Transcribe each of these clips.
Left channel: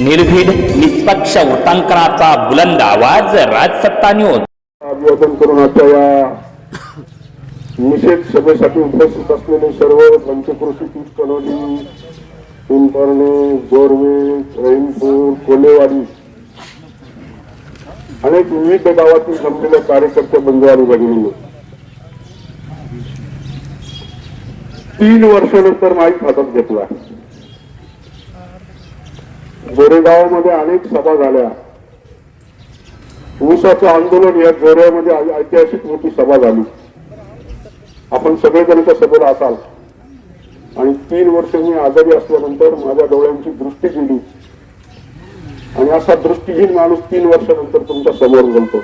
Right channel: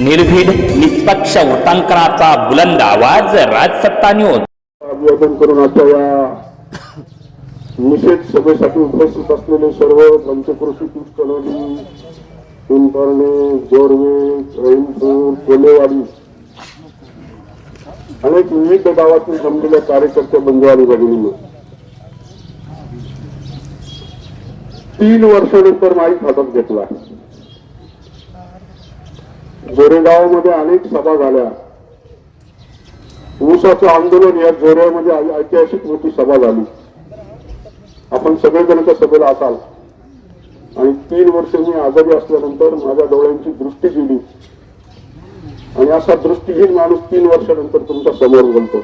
निर्भीड निष्पक्ष वृत्तांकनाचा बुलंद आवाज राजसत्ता न्यूज अभिवादन करून आता या निषेध सभेसाठी उपस्थित असलेले सर्व पंचकृषी पीठ कलोनी पिंपरणे गोरवे रहीमपूर कोलेवाडी अनेक विविध गावातील जमलेल्या कार्यकर्ते बंधू आणि भगिनी तीन वर्षानंतर माहीत हातात घेतला जोरेगावमध्ये अनेक सभा झाल्या. ऊसाचं आंदोलन या जोऱ्यामध्ये ऐतिहासिक मोठी सभा झाली. आपण सगळेजण त्या सभेला असाल. आणि तीन वर्ष मी आजारी असल्यानंतर माझ्या डोळ्यांची दृष्टी गेली. आणि असा दृष्टीहीन माणूस तीन वर्षानंतर तुमच्यासमोर जमतो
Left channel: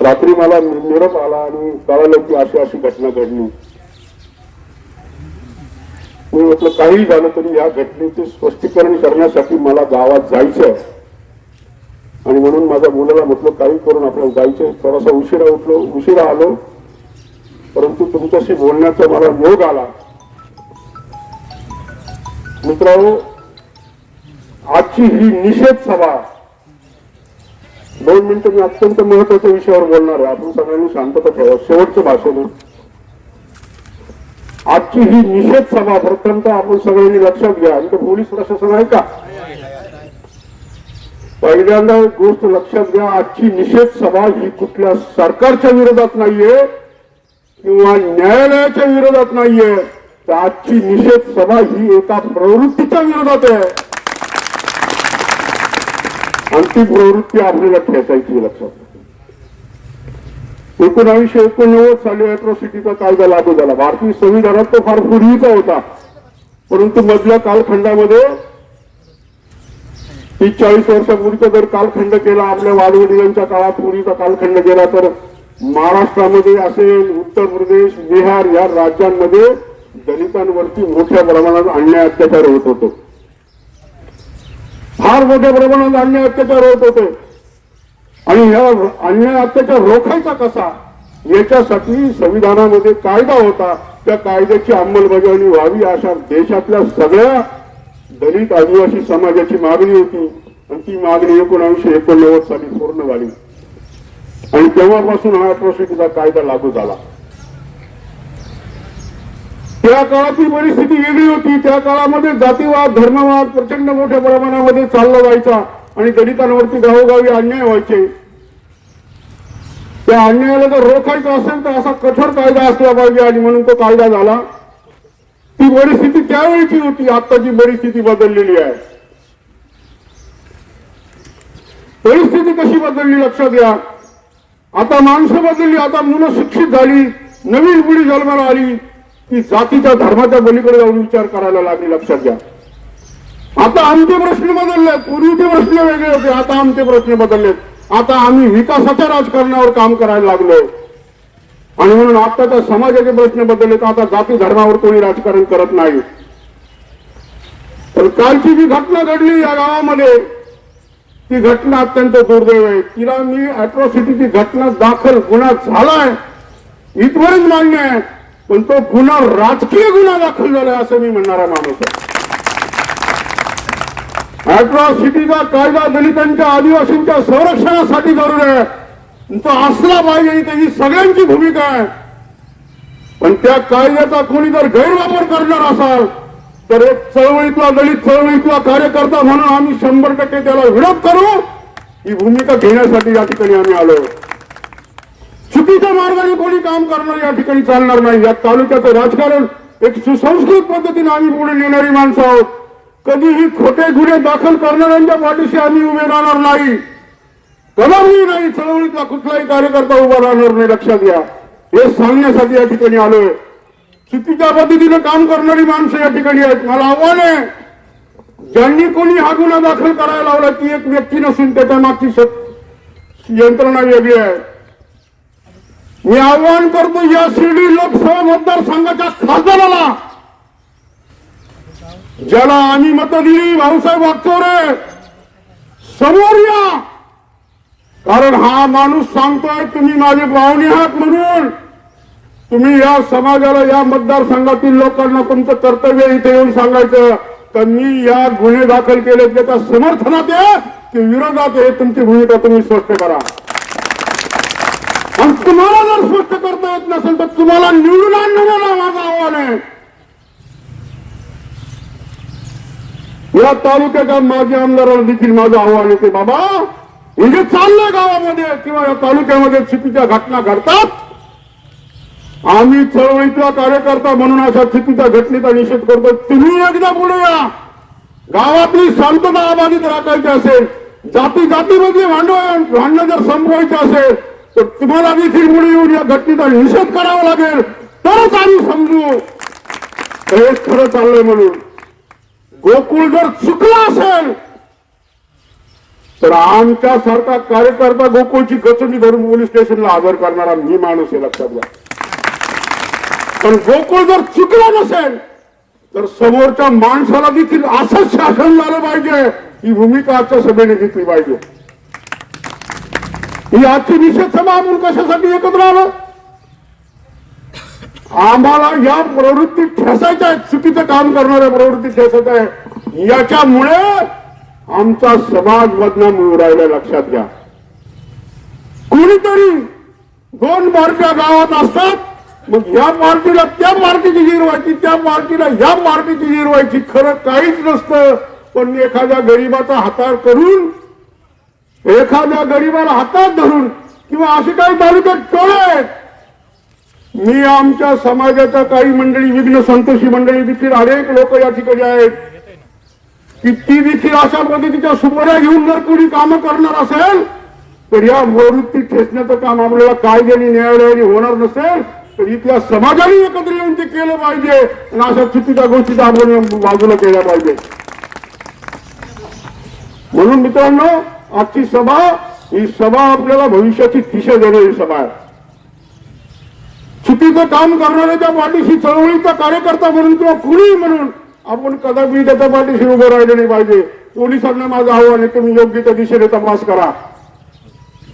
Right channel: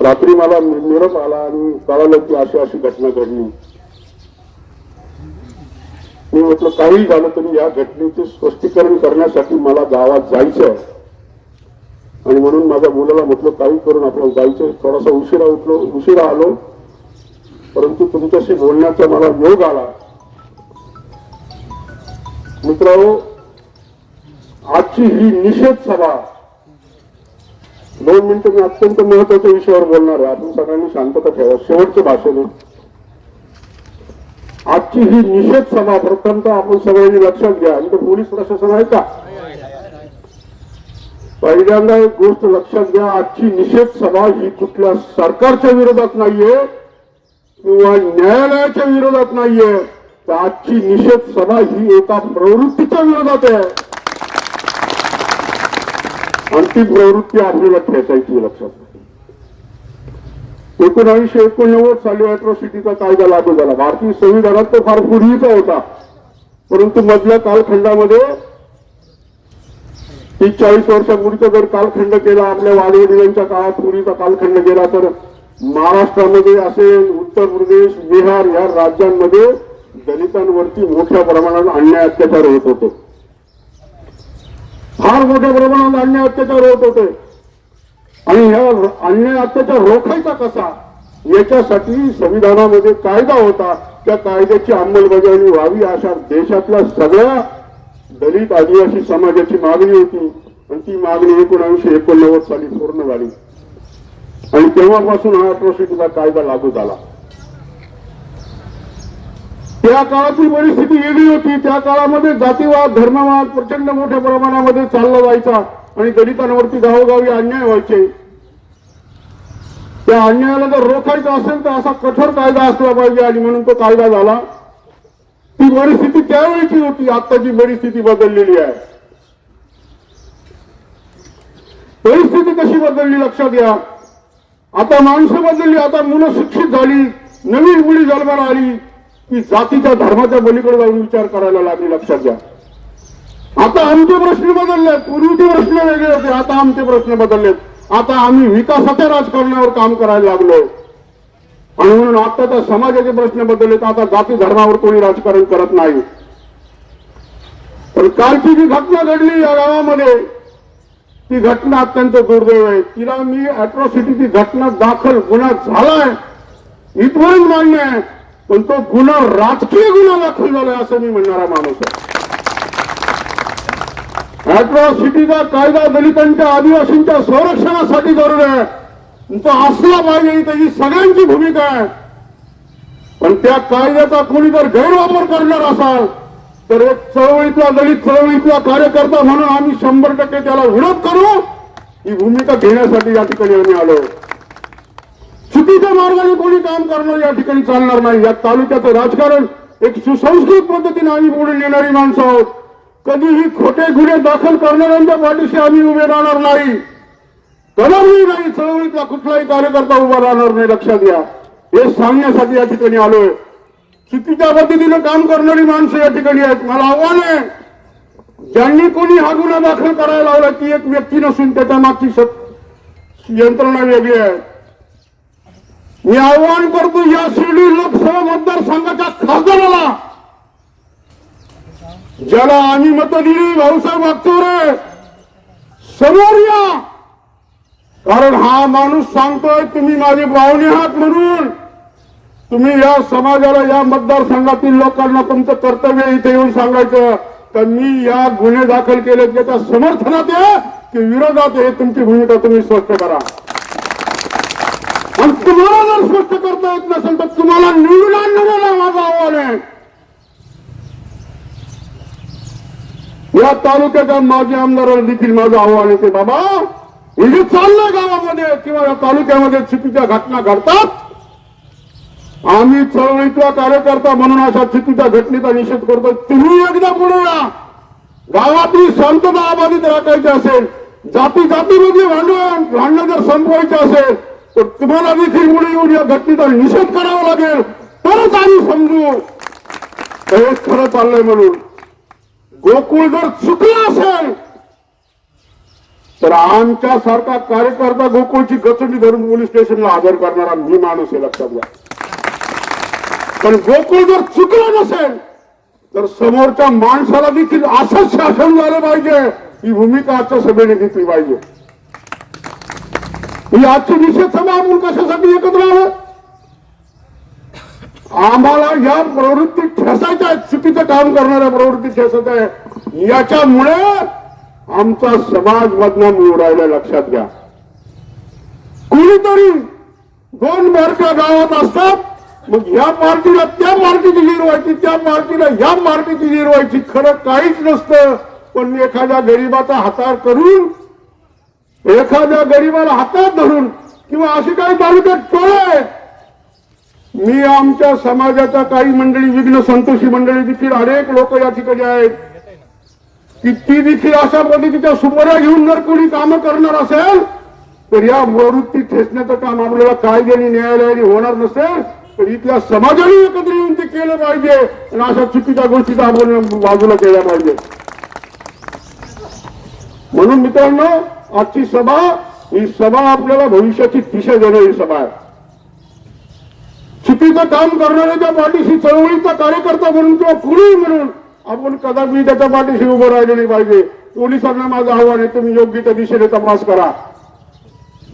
रात्री मला नि- निरोप आला आणि कळालं की अशी अशी घटना घडली. मी म्हटलं काही झालं तरी या घटनेचे स्पष्टीकरण करण्यासाठी मला गावात जायचं आहे. आणि म्हणून माझ्या मुलाला म्हटलं काही करून आपल्याला जायचंय थोडासा उशिरा उठलो उशिरा आलो. परंतु तुमच्याशी बोलण्याचा मला योग आला. मित्रांनो आजची ही निषेध सभा दोन मिनिटं मी अत्यंत महत्त्वाच्या विषयावर बोलणार आहे. आपण सगळ्यांनी शांतता ठेवा. शेवटचं भाषण आहे. आजची ही निषेध सभा प्रथमत आपण सगळ्यांनी लक्षात घ्या. इथं पोलीस प्रशासन आहे का? पहिल्यांदा एक गोष्ट लक्षात घ्या आजची निषेध सभा ही कुठल्या सरकारच्या विरोधात नाहीये किंवा न्यायालयाच्या विरोधात नाहीये. तर आजची निषेध सभा ही एका प्रवृत्तीच्या विरोधात आहे. आणि ती प्रवृत्ती आपल्याला ठेचायची लक्षात घ्या. एकोणावीसशे एकोणनव्वद साली अॅट्रॉसिटीचा कायदा लागू झाला. भारतीय संविधानात तो फार पूर्वीचा होता. परंतु मधल्या कालखंडामध्ये तीस चाळीस वर्षापूर्वीचा जर कालखंड केला आपल्या वाडवडिलांच्या काळात पूर्वीचा कालखंड केला तर महाराष्ट्रामध्ये असेल उत्तर प्रदेश बिहार या राज्यांमध्ये दलितांवरती मोठ्या प्रमाणात अन्याय अत्याचार होत होते. फार मोठ्या प्रमाणात अन्याय अत्याचार होत होते. आणि ह्या अन्याय अत्याचार रोखायचा कसा याच्यासाठी संविधानामध्ये कायदा होता. त्या कायद्याची अंमलबजावणी व्हावी अशा देशातल्या सगळ्या दलित आदिवासी समाजाची मागणी होती. आणि ती मागणी एकोणविशे एकोणनव्वद साली पूर्ण झाली. आणि तेव्हापासून हा अट्रॉसिटीचा कायदा लागू झाला. त्या काळातली परिस्थिती वेगळी होती. त्या काळामध्ये जातीवाद धर्मवाद प्रचंड मोठ्या प्रमाणामध्ये चालला जायचा. आणि दलितांवरती गावोगावी अन्याय व्हायचे. त्या अन्यायाला जर रोखायचं असेल तर असा कठोर कायदा असला पाहिजे आणि म्हणून तो कायदा झाला. ती परिस्थिती त्यावेळीची होती आताची परिस्थिती बदललेली आहे. परिस्थिती कशी बदलली लक्षात घ्या. आता माणसं बदलली आता मुलं शिक्षित झाली नवीन मुली जन्माला आली की जातीच्या धर्माच्या बलीकडे जाऊन विचार करायला लागली लक्षात घ्या. आता आमचे प्रश्न बदललेत. पूर्वीचे प्रश्न वेगळे होते आता आमचे प्रश्न बदललेत. आता आम्ही विकासाच्या राजकारणावर काम करायला लागलो. आणि म्हणून आता त्या समाजाचे प्रश्न बदललेत आता जाती धर्मावर कोणी राजकारण करत नाही. पण कालची जी घटना घडली या गावामध्ये ती घटना अत्यंत दुर्दैव आहे. तिला मी अॅट्रॉसिटीची घटना दाखल गुन्हा झालाय. इथपर्यंत मान्य आहे. पण तो गुन्हा राजकीय गुन्हा दाखल झालाय असं मी म्हणणारा माणूस आहे. अॅट्रॉसिटीचा कायदा दलितांच्या आदिवासींच्या संरक्षणासाठी जरूर आहे. तो असला पाहिजे ही त्याची सगळ्यांची भूमिका आहे. पण त्या कायद्याचा कोणी जर गैरवापर करणार असाल तर एक चळवळीतला दलित चळवळीतला कार्यकर्ता म्हणून आम्ही शंभर टक्के त्याला विरोध करू. ही भूमिका घेण्यासाठी या ठिकाणी आम्ही आलो. चुकीच्या मार्गाने कोणी काम करणार या ठिकाणी चालणार नाही. या तालुक्याचं राजकारण एक सुसंस्कृत पद्धतीने आम्ही पुढे नेणारी माणसं आहोत. कधीही खोटे गुन्हे दाखल करणाऱ्यांच्या पाठीशी आम्ही उभे राहणार नाही. कदापि नाही चळवळीतला कुठलाही कार्यकर्ता उभा राहणार नाही लक्षात घ्या. हे सांगण्यासाठी या ठिकाणी आलोय. चुकीच्या पद्धतीने काम करणारी माणसं या ठिकाणी आहेत. मला आव्हान आहे ज्यांनी कोणी हा गुन्हा दाखल करायला लावला ती एक व्यक्ती नसून त्याच्या मागची यंत्रणा वेगळी आहे. मी आवाहन करतो या शिर्डी लोकसभा मतदारसंघाच्या खासदाराला ज्याला आम्ही मत दिली भाऊसाहेब वागचौरे समोर या. कारण हा माणूस सांगतोय तुम्ही माझे पाहुणे आहात म्हणून. तुम्ही या समाजाला या मतदारसंघातील लोकांना तुमचं कर्तव्य इथे येऊन सांगायचं. तर मी या गुन्हे दाखल केले त्याच्या समर्थनात आहे की विरोधात आहे? तुमची भूमिका तुम्ही स्पष्ट करा. आणि तुम्हाला जर स्पष्ट करता येत नसेल तर तुम्हाला निवडून आणण्याला माझं आव्हान आहे. या तालुक्याच्या माजी आमदाराला देखील माझं आव्हान येते बाबा हे जे चाललंय गावामध्ये किंवा या तालुक्यामध्ये चुकीच्या घटना घडतात. आम्ही चळवळीतला कार्यकर्ता म्हणून अशा चुकीच्या घटनेचा निषेध करतो तुम्ही एकदा पुढे या. गावातली शांतता अबाधित राखायची असेल जाती जातीमधले भांडवल भांडणं जर संपवायचे असेल तर तुम्हाला देखील पुढे येऊन या घटनेचा निषेध करावा लागेल. तरच आम्ही समजू. हे खरं चाललंय म्हणून. गोकुळ जर चुकला असेल तर आमच्या सारखा कार्यकर्ता गोकुळची गचंडी धरून पोलीस स्टेशनला हजर करणारा मी माणूस आहे लक्षात घ्या. पण गोकुळ जर चुकला नसेल तर समोरच्या माणसाला देखील असंच शासन झालं पाहिजे ही भूमिका आजच्या सभेने घेतली पाहिजे. ही आजची निषेध सभा आपण कशासाठी एकत्र आलं? आम्हाला या प्रवृत्ती ठेसायच्या आहेत चुकीचं काम करणाऱ्या प्रवृत्ती ठेसायच्या आहे. याच्यामुळे आमचा समाज बदनाम होऊ राहिला लक्षात घ्या. कुणीतरी दोन बारक्या गावात असतात मग या पार्टीला त्या पार्टीची व्हायची त्या पार्टीला या पार्टीची व्हायची. खरं काहीच नसतं. पण एखाद्या गरीबाचा हातार करून एखाद्या गरीबाला हातात धरून किंवा असे काही तालुक्यात टोळ आहेत मी आमच्या समाजाच्या काही मंडळी विघ्न संतोषी मंडळी देखील अनेक लोक या ठिकाणी आहेत. की ती देखील अशा पद्धतीच्या सुपाऱ्या घेऊन जर कोणी कामं करणार असेल तर या प्रवृत्ती ठेचण्याचं काम आपल्याला कायद्याने न्यायालयाने होणार नसेल तर इथल्या समाजाने एकत्र येऊन ते केलं पाहिजे आणि अशा चुकीच्या गोष्टीचा आपण बाजूला केल्या पाहिजे. म्हणून मित्रांनो आजची सभा ही सभा आपल्याला भविष्याची दिशा देणारी सभा आहे. चुकीचं काम करणाऱ्या त्या पाठीशी चळवळीचा कार्यकर्ता म्हणून किंवा कुणीही म्हणून आपण कदापि त्याच्या पाठीशी उभं राहिले नाही पाहिजे. पोलिसांना माझं आव्हान आहे तुम्ही योग्य त्या दिशेने तपास करा.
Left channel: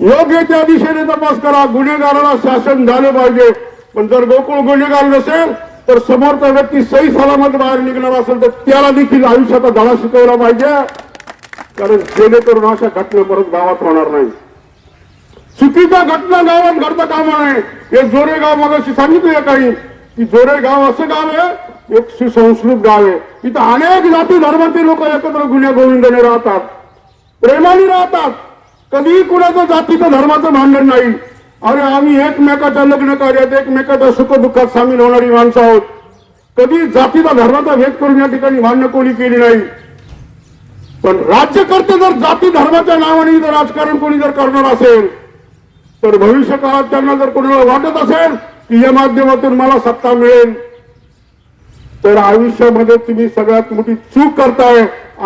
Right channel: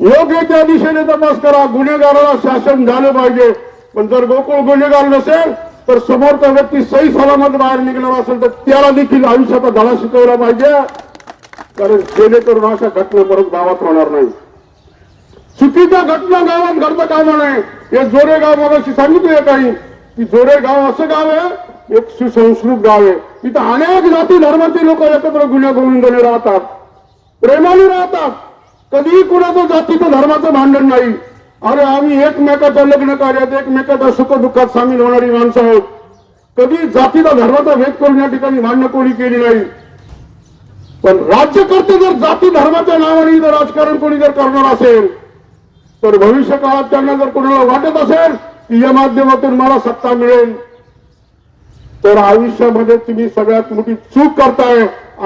योग्य त्या दिशेने तपास करा. गुन्हेगाराला शासन झालं पाहिजे. पण जर गोकुळ गुन्हेगार नसेल तर समोरचा व्यक्ती सही सलामत बाहेर निघणार असेल तर त्याला देखील आयुष्याचा धडा शिकवला पाहिजे. कारण जेणेकरून अशा घटना परत गावात होणार नाही चुकीच्या घटना गावात घडता कामा नये हे जोरे गाव मगाशी सांगितलं काही. की जोरे गाव असं गाव आहे एक सुसंस्कृत गाव आहे. इथं अनेक जाती धर्माचे लोक एकत्र गुन्ह्या गोविंदाने राहतात. प्रेमाने राहतात. कधीही कुणाचं जातीचं धर्माचं भांडण नाही. अरे आम्ही एकमेकाच्या लग्न कार्यात एकमेकाच्या सुखदुःखात सामील होणारी माणसं आहोत. कधी जातीचा धर्माचा भेद करून या ठिकाणी भांडणं कोणी केली नाही. पण राज्यकर्ते जर जाती धर्माच्या नावाने जर राजकारण कोणी जर करणार असेल तर भविष्य काळात त्यांना जर कोणाला वाटत असेल की या माध्यमातून मला सत्ता मिळेल तर आयुष्यामध्ये तुम्ही सगळ्यात मोठी चूक करताय.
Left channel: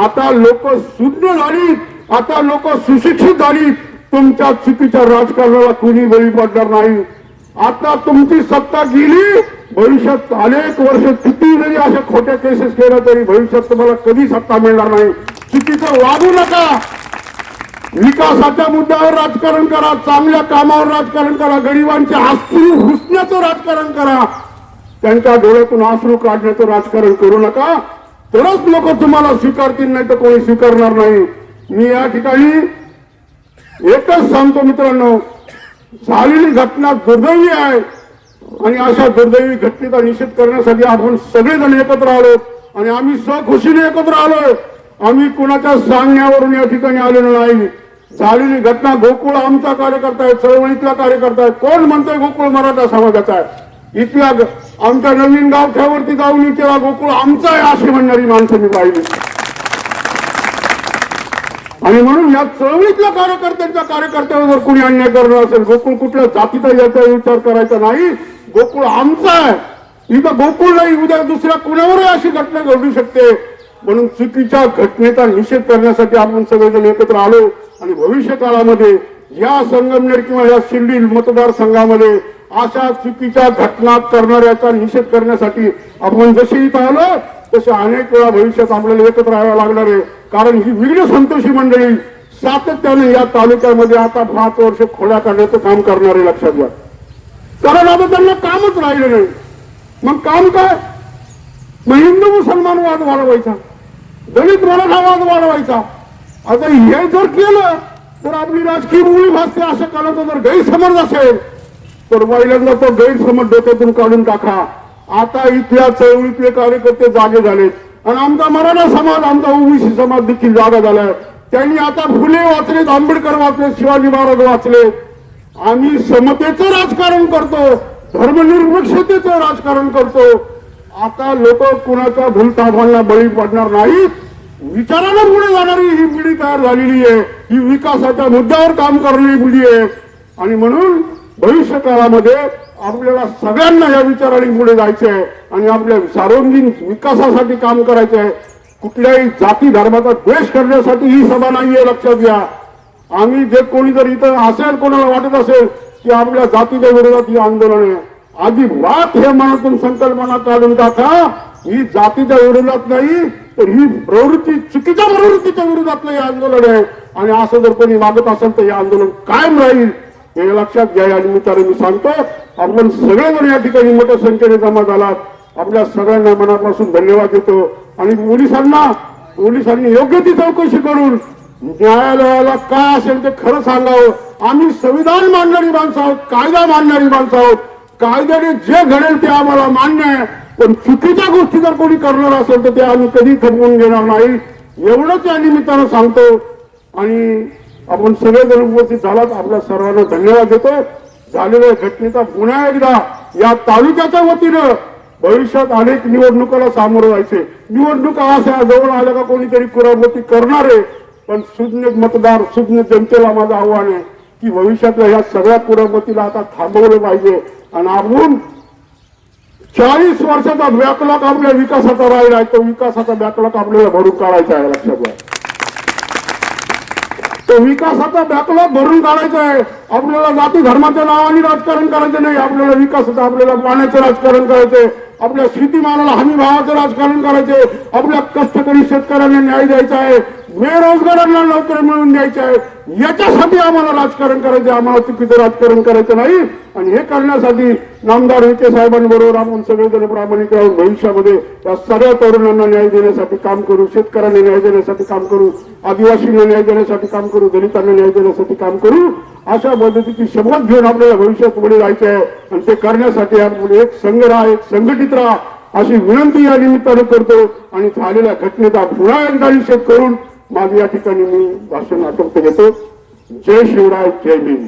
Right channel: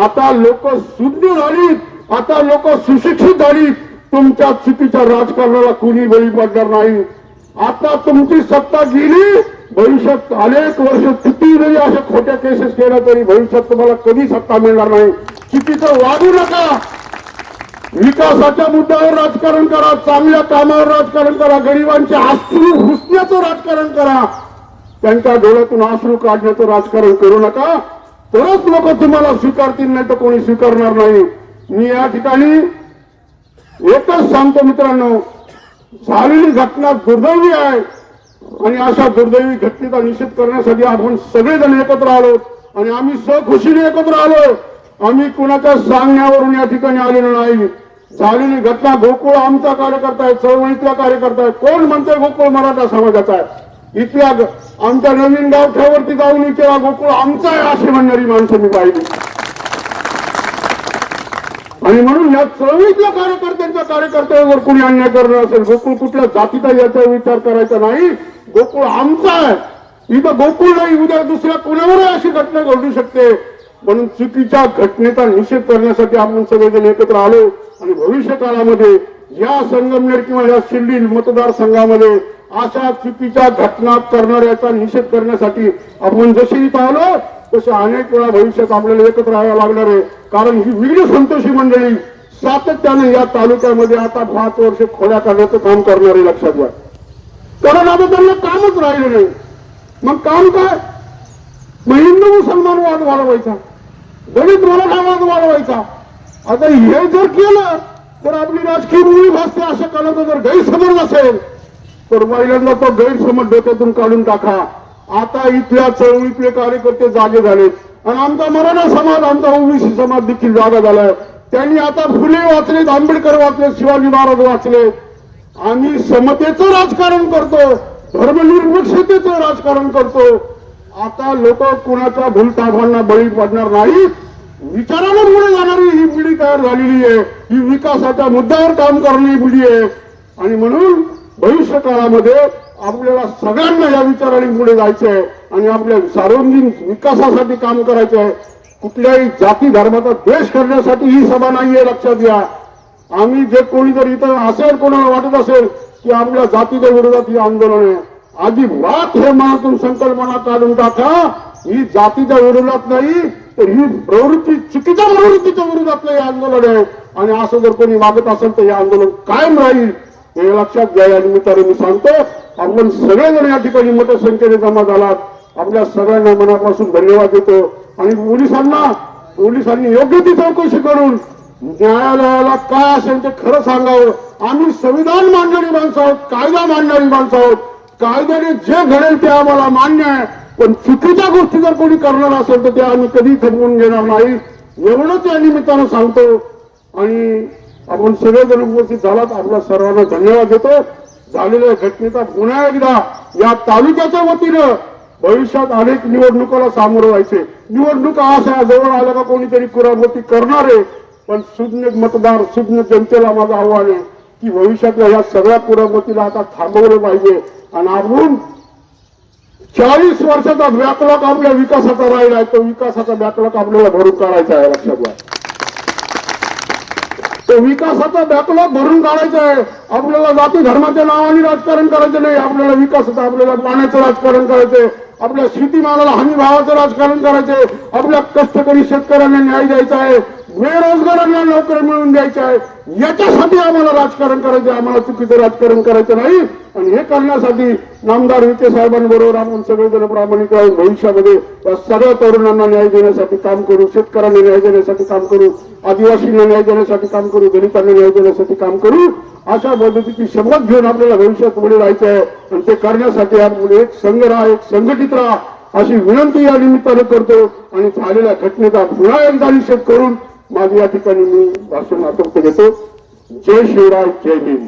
आता लोक शून्य झाली आता लोक सुशिक्षित झाली तुमच्या चुकीच्या राजकारणाला कुणी बळी पडणार नाही. आता तुमची सत्ता गेली भविष्यात अनेक वर्ष किती जरी अशा खोट्या केसेस केल्या तरी भविष्यात तुम्हाला कधी सत्ता मिळणार नाही. चुकीचं वागू नका. विकासाच्या मुद्द्यावर राजकारण करा चांगल्या कामावर राजकारण करा गरिबांचे आश्रू हुसण्याचं राजकारण करा. त्यांच्या डोळ्यातून आश्रू काढण्याचं राजकारण करू नका. तरच लोक तुम्हाला स्वीकारतील नाही तर कोणी स्वीकारणार नाही. मी या ठिकाणी एकच सांगतो मित्रांनो झालेली घटना दुर्दैवी आहे. आणि अशा दुर्दैवी घटनेचा निषेध करण्यासाठी आपण सगळेजण एकत्र आलो. आणि आम्ही सखुशीने एकत्र आलोय. आम्ही कुणाच्या सांगण्यावरून या ठिकाणी आलेलो नाही. झालेली घटना गोकुळ आमचा कार्यकर्ता आहे चळवळीतला कार्यकर्ता आहे. कोण म्हणतोय गोकुळ मराठा समाजाचा आहे? इथल्या आमच्या नवीन गावठ्यावरती जाऊन विचारा गोकुळ आमचा आहे अशी म्हणणारी माणसं मी पाहिली. आणि म्हणून या चळवळीतल्या कार्यकर्त्यांच्या कार्यकर्त्यावर जर कोणी अन्याय करणार असेल गोकुळ कुठल्या जातीचा याचा विचार करायचा नाही. गोकुळ आमचा आहे. इथं गोकुळ नाही उद्या दुसऱ्या कुणावरही अशी घटना घडू शकते. म्हणून चुकीच्या घटनेचा निषेध करण्यासाठी आपण सगळेजण एकत्र आलो आणि भविष्य काळामध्ये या संगमनेर किंवा या शिर्डी मतदारसंघामध्ये अशा चुकीच्या घटना करणाऱ्याचा निषेध करण्यासाठी आपण जसे इथं आलो तसे अनेक वेळा भविष्यात आपल्याला एकत्र राहावं लागणार आहे. कारण ही विघ्न संतोषी मंडळी सातत्याने या तालुक्यामध्ये आता पाच वर्ष खोड्या काढण्याचं काम करणारे लक्षात घ्या. कारण आता त्यांना कामच राहिलं नाही. मग काम काय? मग हिंदू मुसलमान वाद वाढवायचा. दलित आवाज वाढवायचा. आता हे जर केलं तर आपली राजकीय मुळी भासते असं कालाचा जर गैरसमज असेल तर पहिल्यांदा तो गैरसमज डोक्यातून काढून टाका. आता इथल्या चळवळीतले कार्यकर्ते जागे झालेत. आणि आमचा मराठा समाज आमचा ओबीसी समाज देखील जागा झालाय. त्यांनी आता फुले वाचलेत आंबेडकर वाचले शिवाजी महाराज वाचले. आम्ही समतेचं राजकारण करतो धर्मनिरपेक्षतेचं राजकारण करतो. आता लोक कुणाच्या भूलथापांना बळी पडणार नाही विचारानं पुढे जाणारी ही पिढी तयार झालेली आहे. ही विकासाच्या मुद्द्यावर काम करणारी पिढी आहे. आणि म्हणून भविष्य काळामध्ये आपल्याला सगळ्यांना या विचाराने पुढे जायचं आहे. आणि आपल्या सार्वजनिक विकासासाठी काम करायचं आहे. कुठल्याही जाती धर्माचा द्वेष करण्यासाठी ही सभा नाहीये लक्षात घ्या. आम्ही जे कोणी जर इथं असेल कोणाला वाटत असेल की आपल्या जातीच्या विरोधात ही आंदोलन आहे. अजिबात हे मनातून संकल्पना काढून टाका. ही जातीच्या विरोधात नाही तर ही प्रवृत्ती चुकीच्या प्रवृत्तीच्या विरोधातलं हे आंदोलन आहे. आणि असं जर कोणी वागत असेल तर हे आंदोलन कायम राहील. हे लक्षात घ्या या निमित्ताने मी सांगतो आपण सगळेजण या ठिकाणी मोठ्या संख्येने जमा झालात. आपल्या सगळ्यांना मनापासून धन्यवाद देतो. आणि पोलिसांना पोलिसांनी योग्य ती चौकशी करून न्यायालयाला काय असेल ते खरं सांगावं. आम्ही संविधान मांडणारी माणसं आहोत कायदा मांडणारी माणसं आहोत. कायद्याने जे घडेल ते आम्हाला मान्य आहे. पण चुकीच्या गोष्टी जर कोणी करणार असेल तर ते आम्ही कधी खपवून घेणार नाही. एवढंच या निमित्तानं सांगतो. आणि आपण सगळेजण उपस्थित झालात. आपल्या सर्वांना धन्यवाद देतो. झालेल्या घटनेचा पुन्हा एकदा या तालुक्याच्या वतीनं भविष्यात अनेक निवडणुकाला सामोरं जायचे. निवडणुका अशा जवळ आल्या का कोणीतरी कुराबोती करणार आहे. पण सुज्ञ मतदार सुज्ञ जनतेला माझं आव्हान आहे की भविष्यातल्या या सगळ्या कुराबोतीला आता थांबवलं पाहिजे. आणि आपण चाळीस वर्षाचा बॅकलॉग आपल्या विकासाचा राहिला आहे. तो विकासाचा बॅकलॉग आपल्याला भरून काढायचा आहे लक्षात घ्या. तो विकासाचा बॅकलॉग भरून काढायचा आहे. आपल्याला जाती धर्माच्या नावाने राजकारण करायचं नाही. आपल्याला विकासाचं आपल्याला पाण्याचं राजकारण करायचंय. आपल्या शेतीमालाला हमी भावाचं राजकारण करायचंय. आपल्या कष्टकरी शेतकऱ्यांना न्याय द्यायचा आहे. बेरोजगारांना नोकरी मिळवून द्यायची आहे. याच्यासाठी आम्हाला राजकारण करायचं आम्हाला चुकीचं राजकारण करायचं नाही. आणि हे करण्यासाठी नामदार विखे साहेबांबरोबर आपण सगळेजण प्रामाणिक राहून भविष्यामध्ये या सगळ्या तरुणांना न्याय देण्यासाठी काम करू शेतकऱ्यांना न्याय देण्यासाठी काम करू आदिवासींना न्याय देण्यासाठी काम करू दलितांना न्याय देण्यासाठी काम करू अशा पद्धतीची शपथ घेऊन आपल्याला भविष्यात पुढे राहायचं आहे. आणि ते करण्यासाठी आपण एक संघ राहा एक संघटित राहा अशी विनंती या निमित्ताने करतो. आणि झालेल्या घटनेचा पुन्हा एकदा निषेध करून माझं या ठिकाणी मी भाषण आटोपते घेतो जय शिवराय जय भीम.